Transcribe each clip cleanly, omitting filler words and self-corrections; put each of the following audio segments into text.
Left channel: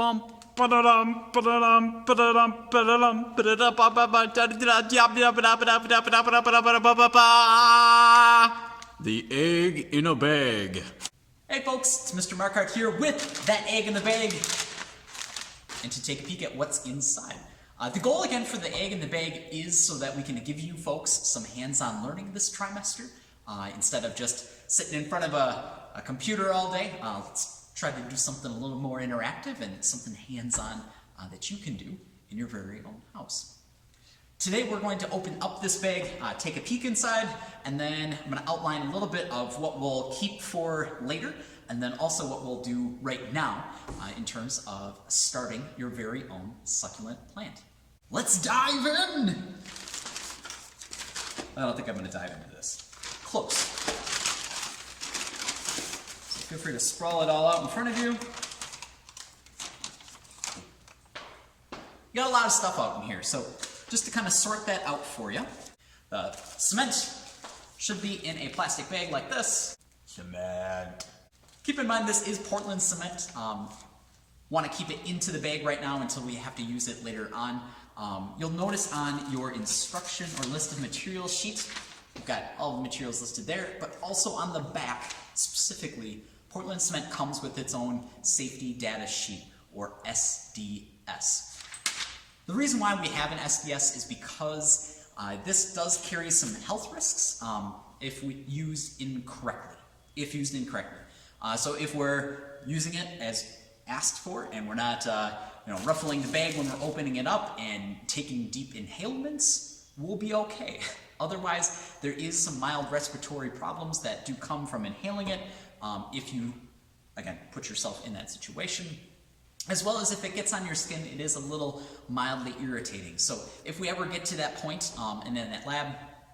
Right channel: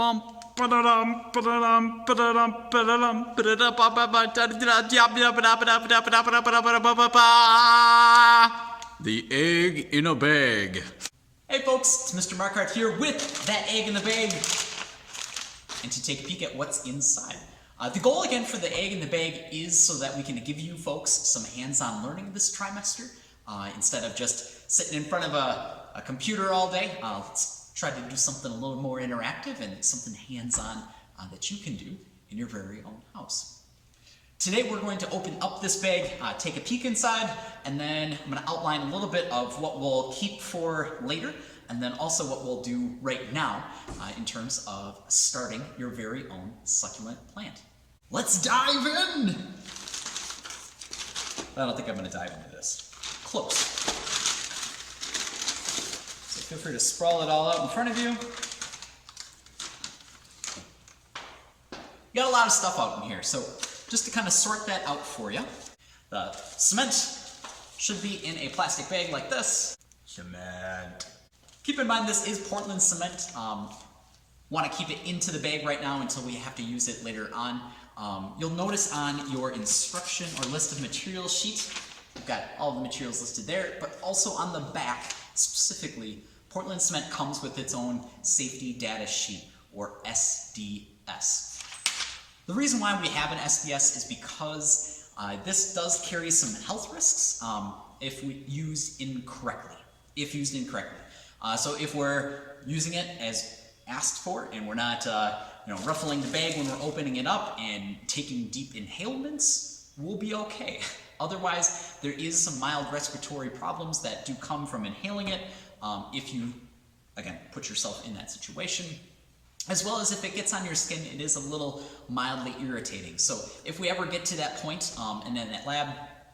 The egg in a bag. Hey folks, it's Mr. Markart here with that egg in the bag, and to take a peek at what's inside. The goal again for the egg in the bag is so that we can give you folks some hands-on learning this trimester. Instead of just sitting in front of a computer all day, let's try to do something a little more interactive and something hands-on that you can do in your very own house. Today we're going to open up this bag, take a peek inside, and then I'm going to outline a little bit of what we'll keep for later, and then also what we'll do right now in terms of starting your very own succulent plant. Let's dive in! I don't think I'm going to dive into this. Close. So feel free to sprawl it all out in front of you. You got a lot of stuff out in here, so just to kind of sort that out for you, the cement should be in a plastic bag like this. Cement. Keep in mind this is Portland cement. Want to keep it into the bag right now until we have to use it later on. You'll notice on your instruction or list of materials sheet, we've got all the materials listed there, but also on the back specifically, Portland cement comes with its own safety data sheet, or SDS. The reason why we have an SDS is because this does carry some health risks if used incorrectly. So if we're using it as asked for and we're not ruffling the bag when we're opening it up and taking deep inhalements, we'll be okay. Otherwise, there is some mild respiratory problems that do come from inhaling it if you, again, put yourself in that situation. As well as if it gets on your skin, it is a little mildly irritating. So if we ever get to that point, and in that lab,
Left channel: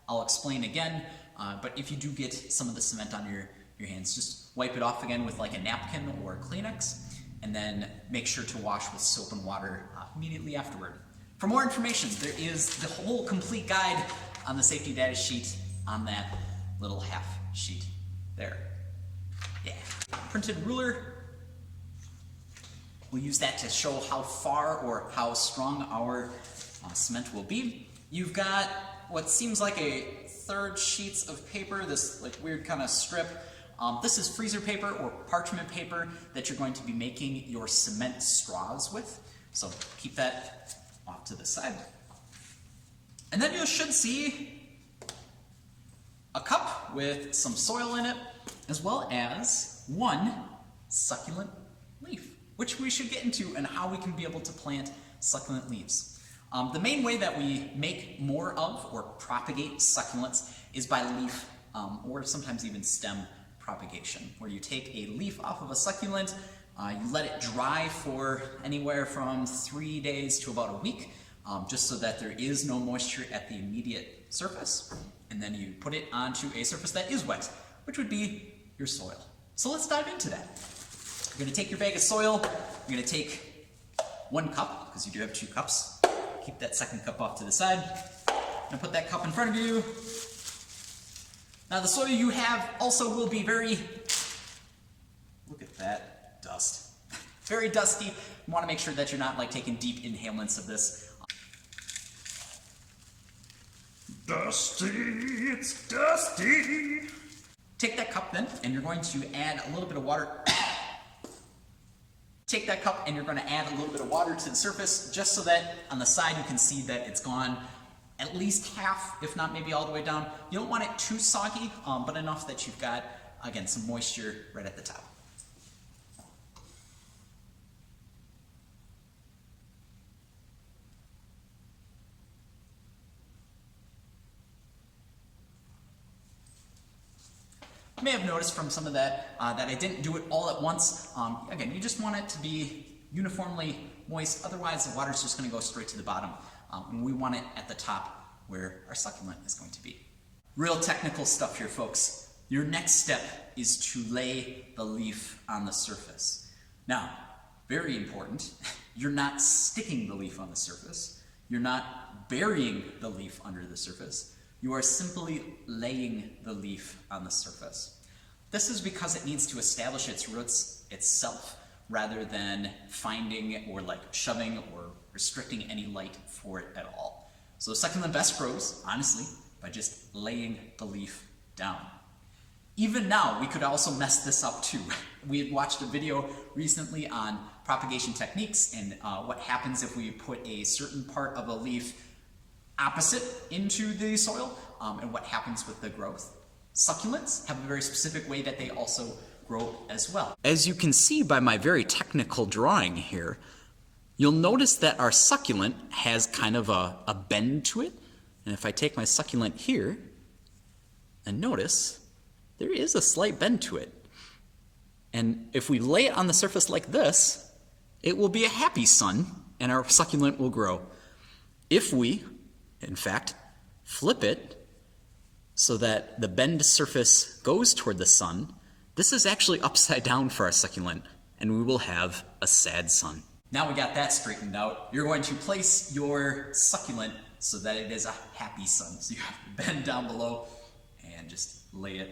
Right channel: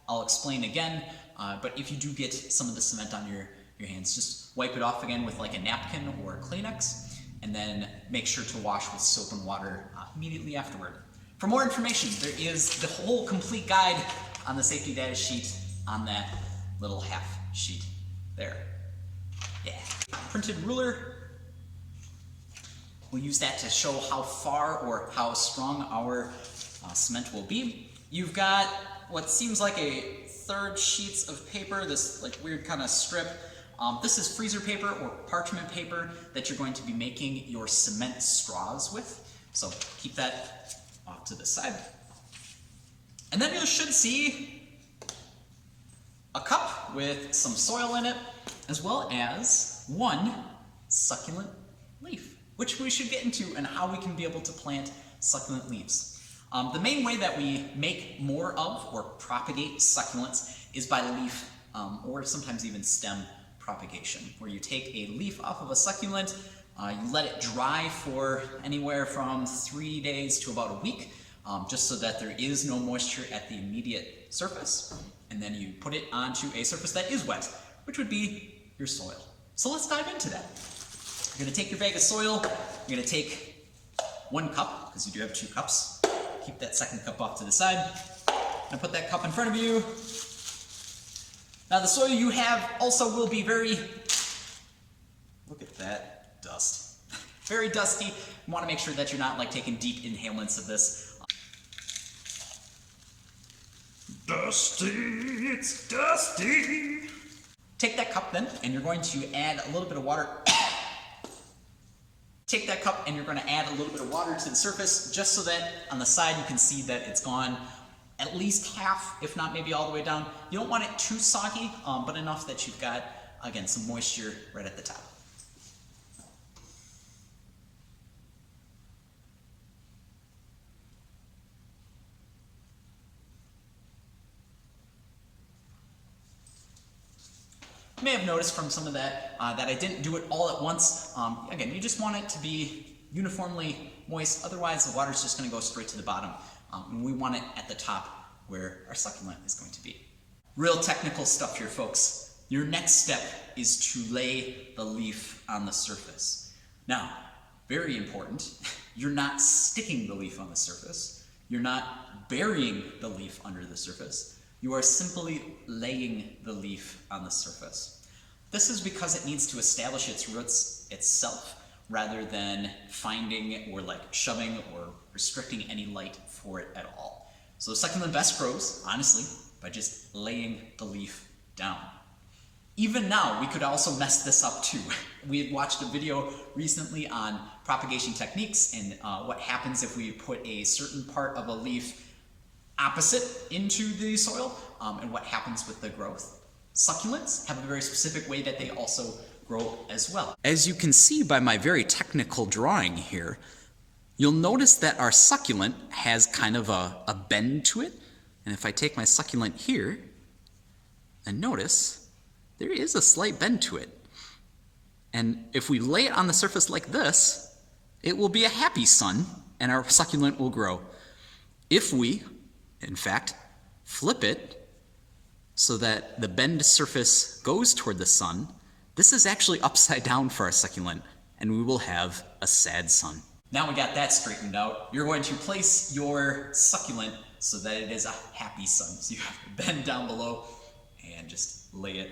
I'll explain again, but if you do get some of the cement on your hands, just wipe it off again with like a napkin or a Kleenex, and then make sure to wash with soap and water immediately afterward. For more information, there is the whole complete guide on the safety data sheet on that little half sheet there. Yeah. Printed ruler. We'll use that to show how far or how strong our cement will be. You've got what seems like a third sheets of paper, this like weird kind of strip. This is freezer paper or parchment paper that you're going to be making your cement straws with. So keep that off to the side. And then you should see a cup with some soil in it, as well as one succulent leaf, which we should get into and how we can be able to plant succulent leaves. The main way that we make more of or propagate succulents is by leaf or sometimes even stem propagation, where you take a leaf off of a succulent, you let it dry for anywhere from 3 days to about a week, just so that there is no moisture at the immediate surface, and then you put it onto a surface that is wet, which would be your soil. So let's dive into that. You're going to take your bag of soil, you're going to take 1 cup, because you do have 2 cups. Keep that second cup off to the side, and put that cup in front of you. Now the soil you have also will be very, look at that dust, very dusty. You want to make sure that you're not like taking deep inhalants of this. Dusty, it's dusty. Take that cup then, and you're going to add a little bit of water. Take that cup and you're going to add a little bit of water to the surface, just so that on the side you can see that it's gone at least half, if not maybe all the way down. You don't want it too soggy, but enough that you've got, again, some moisture right at the top. You may have noticed from some of that that I didn't do it all at once. Again, you just want it to be uniformly moist, otherwise the water's just going to go straight to the bottom. And we want it at the top where our succulent is going to be. Real technical stuff here, folks. Your next step is to lay the leaf on the surface. Now, very important, you're not sticking the leaf on the surface. You're not burying the leaf under the surface. You are simply laying the leaf on the surface. This is because it needs to establish its roots itself, rather than finding or like shoving or restricting any light for it at all. So the succulent best grows, honestly, by just laying the leaf down. Even now, we could also mess this up too. We had watched a video recently on propagation techniques and what happens if we put a certain part of a leaf opposite into the soil and what happens with the growth. Succulents have a very specific way that they also grow as well. As you can see by my very technical drawing here, you'll notice that our succulent has kind of a bend to it. And if I take my succulent here and notice, there is a slight bend to it. And if we lay it on the surface like this, it will be a happy sun and our succulent will grow. If we, in fact, flip it so that the bend surface goes toward the sun, this is actually upside down for our succulent, and we will have a sad sun. Now we got that straightened out, you're going to place your succulent so that it is a happy sun. So you have to bend down below and just lay it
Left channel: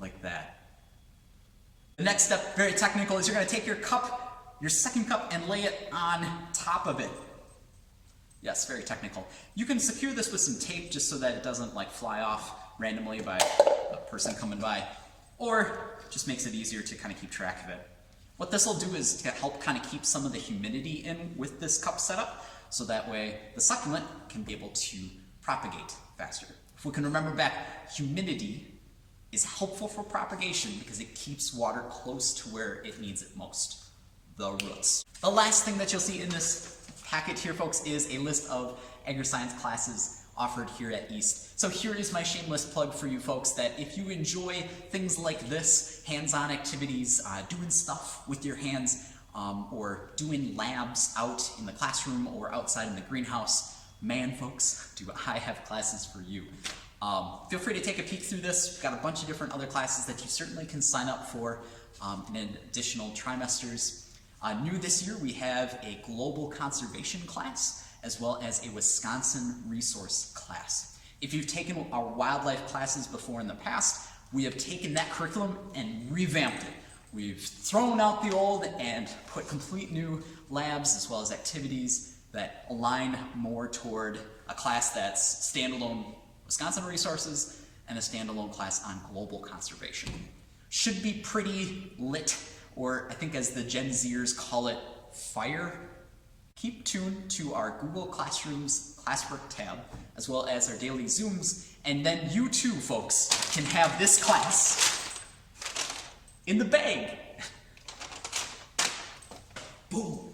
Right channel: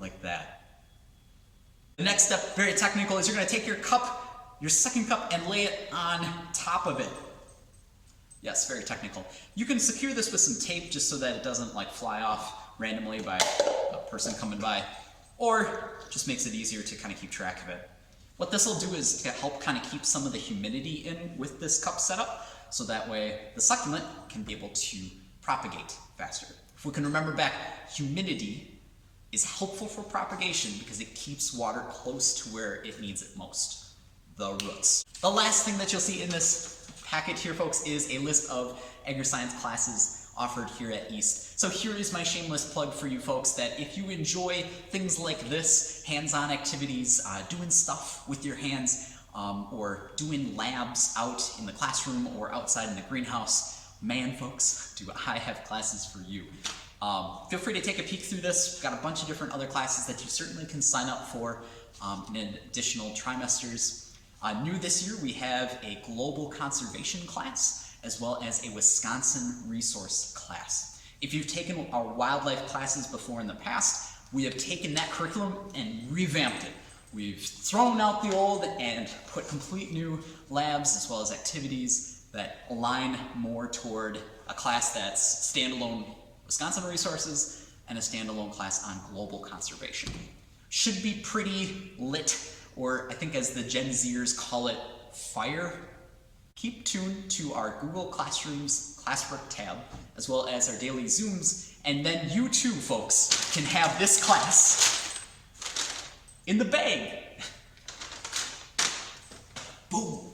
like that. The next step, very technical, is you're going to take your cup, your second cup, and lay it on top of it. Yes, very technical. You can secure this with some tape just so that it doesn't like fly off randomly by a person coming by, or just makes it easier to kind of keep track of it. What this will do is to help kind of keep some of the humidity in with this cup setup, so that way the succulent can be able to propagate faster. If we can remember back, humidity is helpful for propagation because it keeps water close to where it needs it most, the roots. The last thing that you'll see in this packet here, folks, is a list of agri-science classes offered here at East. So here is my shameless plug for you folks that if you enjoy things like this, hands-on activities, doing stuff with your hands, or doing labs out in the classroom or outside in the greenhouse, man folks, do I have classes for you. Feel free to take a peek through this. We've got a bunch of different other classes that you certainly can sign up for in additional trimesters. New this year, we have a global conservation class as well as a Wisconsin resource class. If you've taken our wildlife classes before in the past, we have taken that curriculum and revamped it. We've thrown out the old and put complete new labs as well as activities that align more toward a class that's standalone Wisconsin resources and a standalone class on global conservation. Should be pretty lit, or I think as the Gen Zers call it, fire. Keep tuned to our Google Classrooms classwork tab, as well as our daily Zooms, and then you too, folks, can have this class in the bag. Boom.